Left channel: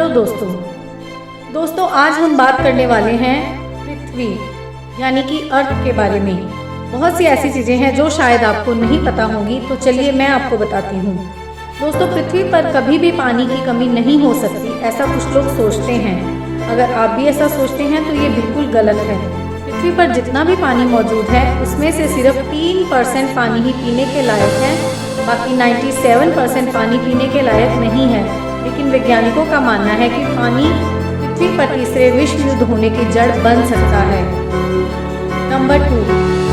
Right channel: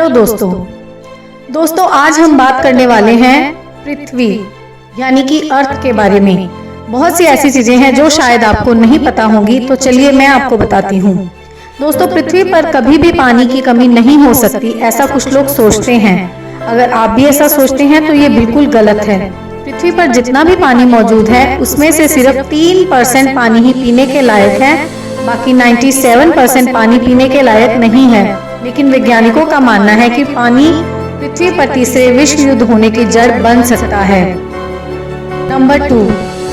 Hello दोस्तों आज हम बात करने वाले हैं पृथ्वी यानी कि अर्थ के बारे में। बहुत सी ऐसी चीजें हैं जो शायद आपको नहीं पता होंगी, तो चलिए मैं आपको बताती हूँ। दोस्तों, पृथ्वी पर कभी भी पानी की कमी नहीं हो सकती, ऐसा कुछ लोग सोचते हैं। अगर आप भी ऐसा सोचते हैं तो ये बिल्कुल गलत है। पृथ्वी पर जितना भी पानी मौजूद है उसमें से सिर्फ 3% पानी ही पीने के लायक है, बाकी 97% पानी पीने के लायक नहीं है। लेकिन वैज्ञानिकों का मानना है कि पानी पृथ्वी पर तीसरे विश्व युद्ध होने की जड़ बन सकता है। नंबर 2,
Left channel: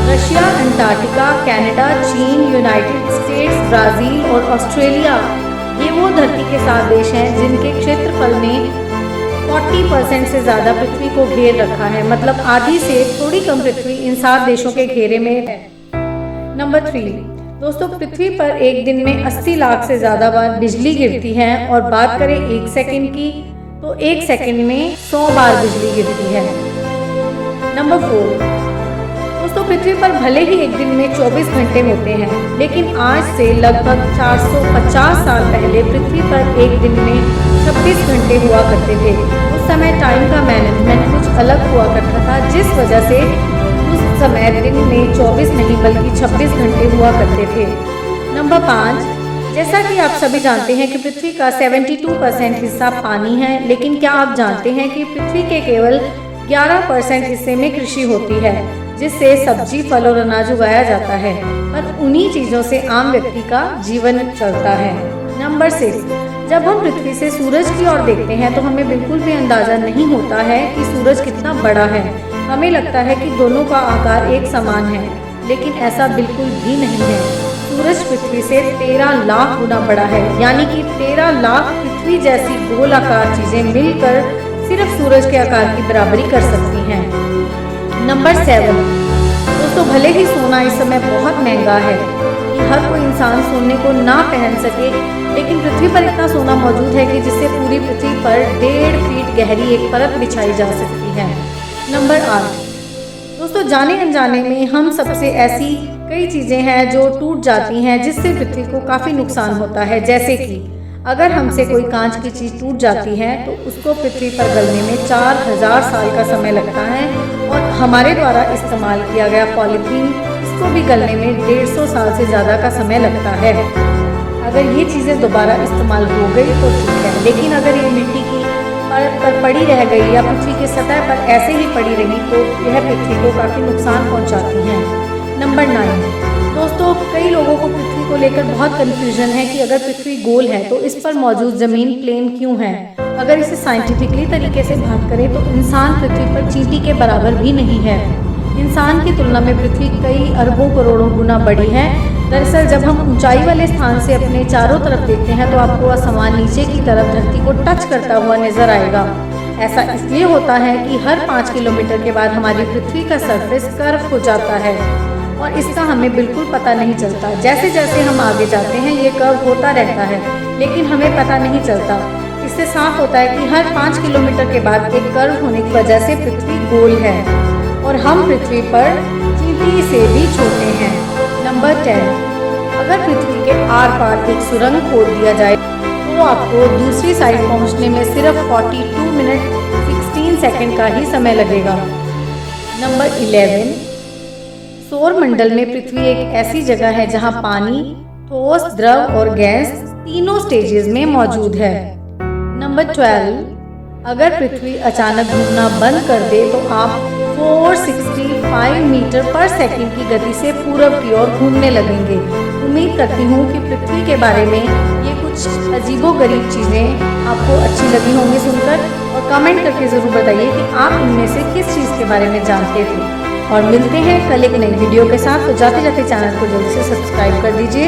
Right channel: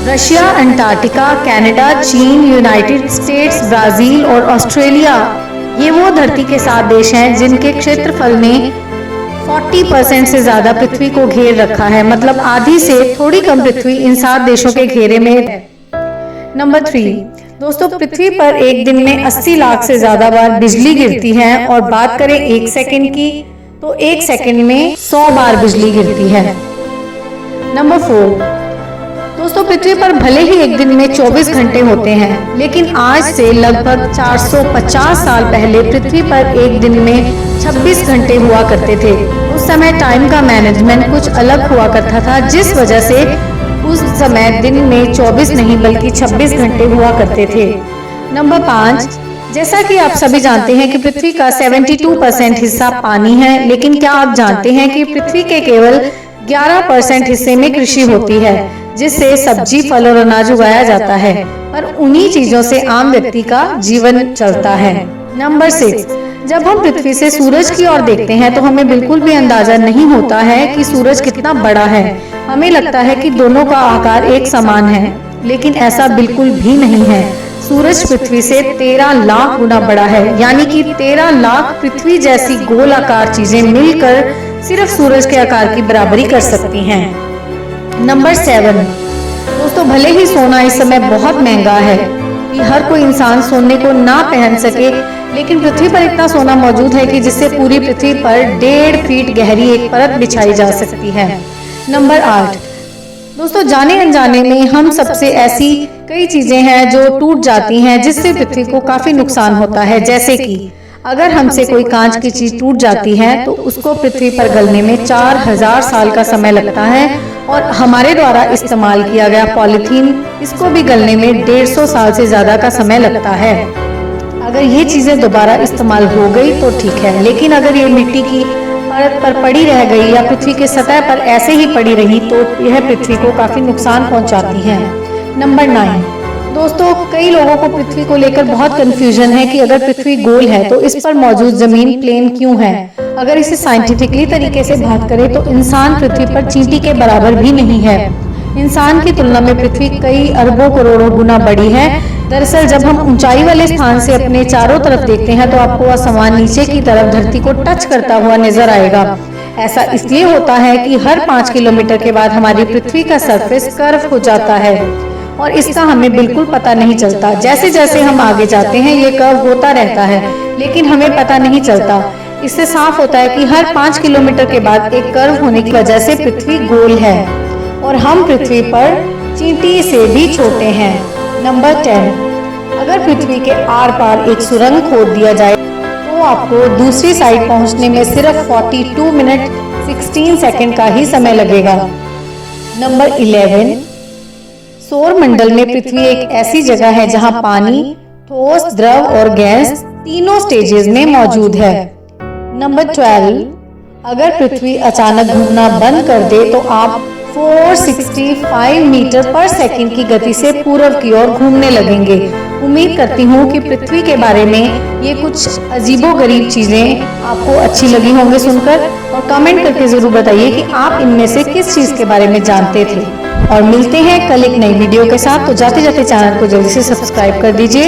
रशिया, अंटार्कटिका, कनाडा, चीन, यूनाइटेड स्टेट्स, ब्राजील और ऑस्ट्रेलिया ये वो धरती के 7 देश हैं जिनके क्षेत्रफल ने 40% से ज्यादा पृथ्वी को घेर रखा है। मतलब आधी से थोड़ी कम पृथ्वी इन 7 देशों के घेरे में है। नंबर 3, दोस्तों, पृथ्वी पर एक दिन में 80 लाख से ज्यादा बार बिजली गिरती है और बात करें 1 सेकंड की तो 1 सेकंड में 100 बार बिजली गिरती है। नंबर 4, दोस्तों, पृथ्वी पर भले ही एक दिन में 24 घंटे होते हैं, लेकिन आज से लगभग 450 साल पहले पृथ्वी पर एक दिन में 26 घंटे हुआ करते थे। उस समय टाइम का मैनेजमेंट कुछ अलग हुआ करता था, जिस वजह से उस समय दिन में 24 नहीं बल्कि 26 घंटे हुआ करते थे। नंबर 5, जैसा कि आप सभी जानते हैं कि पृथ्वी का 72% हिस्सा पानी है, लेकिन क्या आप जानते हैं कि पृथ्वी के केवल 11% हिस्से में कृषि होती है, जिससे सब्जी, फल और अनाज उगाया जाता है, और उन्हीं चीजों से आम व्यक्ति का जीवन चलता है। नंबर 6, जब हम पृथ्वी से सूरज की ओर देखते हैं तो हमें बिल्कुल भी अंदाजा नहीं होता है कि सूरज कितना बड़ा है। हमें लगता है कि दोनों का आकार एक समान है, लेकिन ऐसा बिल्कुल भी नहीं है। सूरज पृथ्वी से 13 लाख गुना बड़ा है, यानी कि 13 लाख पृथ्वी जैसी गोलाकार चीजें मिलकर सिर्फ सूरज के आकार की बराबरी कर सकती हैं। नंबर 7, दोस्तों, भले ही सोना इस समय बहुत महंगा है कि हर कोई इंसान सोने को ना पहन सके, लेकिन पृथ्वी पर इतना सोना मौजूद है कि जिससे पूरी पृथ्वी पर 1.5 फीट गहरी एक परत बिछाई जा सकती है। नंबर 8, दोस्तों, जाने अनजाने में हम सबसे ऐसी कई चीजें हैं जो टूट जाती हैं, जिससे पृथ्वी को काफी नुकसान होता है। जैसे कि अगर हमसे कोई कांच की चीज टूट जाती है तो उसको पृथ्वी पर गलने में 4000 साल का समय लगता है, और हमारे द्वारा इस्तेमाल किया गया पॉलीथीन, इसको भी गलने में 150 साल से ज्यादा का समय लगता है। अगर ये चीजें दोबारा इस्तेमाल हो गई तो ठीक है, लेकिन अगर ये मिट्टी की परत पर पड़ी रह गई या पृथ्वी के सतह पर ऐसे ही पड़ी रही तो यह पृथ्वी को काफी नुकसान पहुंचाती हैं। नंबर 9, दोस्तों, कई लोगों को पृथ्वी को लेकर बहुत कंफ्यूजन है कि अगर पृथ्वी गोल है तो इस पर मौजूद जमीन प्लेन क्यों है। अगर इसे साइंटिफिकली तरीके से बात करें तो इंसान पृथ्वी पर चींटी के बराबर भी नहीं है। इंसान की तुलना में पृथ्वी कई अरबों करोड़ों गुना बड़ी है। दरअसल जब हम ऊंचाई वाले स्थान से अपने चारों तरफ देखते हैं तो आपको आसमान नीचे की तरफ धरती को टच करता हुआ नजर आएगा। ऐसा इसलिए होता है कि हर 5 किलोमीटर के बाद हमारी पृथ्वी का सरफेस कर्व हो जाता है, और इसका हमें बिल्कुल पता नहीं चलता। जैसे जैसे हम आगे जाते हैं ये कर्व होता रहता है, लेकिन हमें पता नहीं चलता। इससे साफ होता है कि हर 5 किलोमीटर के बाद एक कर्व होने की वजह से पृथ्वी गोल है, और हम पृथ्वी पर चींटी से भी छोटे हैं। नंबर 10, अगर पृथ्वी के आर पार एक सुरंग खोद दिया जाए तो आपको दूसरी साइड पहुंचने में सिर्फ 42 मिनट 16 सेकंड का ही समय लगेगा। नंबर 11, सौर मंडल में पृथ्वी एक ऐसी जगह है जहां पानी, ठोस, द्रव और गैस तीनों स्टेजेस में मौजूद है। नंबर 12, अगर पृथ्वी अचानक घूमना बंद कर दे तो आप 465 मीटर पर सेकंड की गति से पूरब की ओर घूमने लगेंगे। उम्मीद करती हूँ कि पृथ्वी के बारे में ये कुछ अजीबोगरीब चीजें आपको अच्छी लगी होंगी सुनकर, और कमेंट करके जरूर बताइए कि आप इनमें से किस चीज के बारे में जानते थे। और मिलते हैं कल एक नई वीडियो के साथ, तो जाते जाते चैनल को जल्दी से सब्सक्राइब कर दीजिए।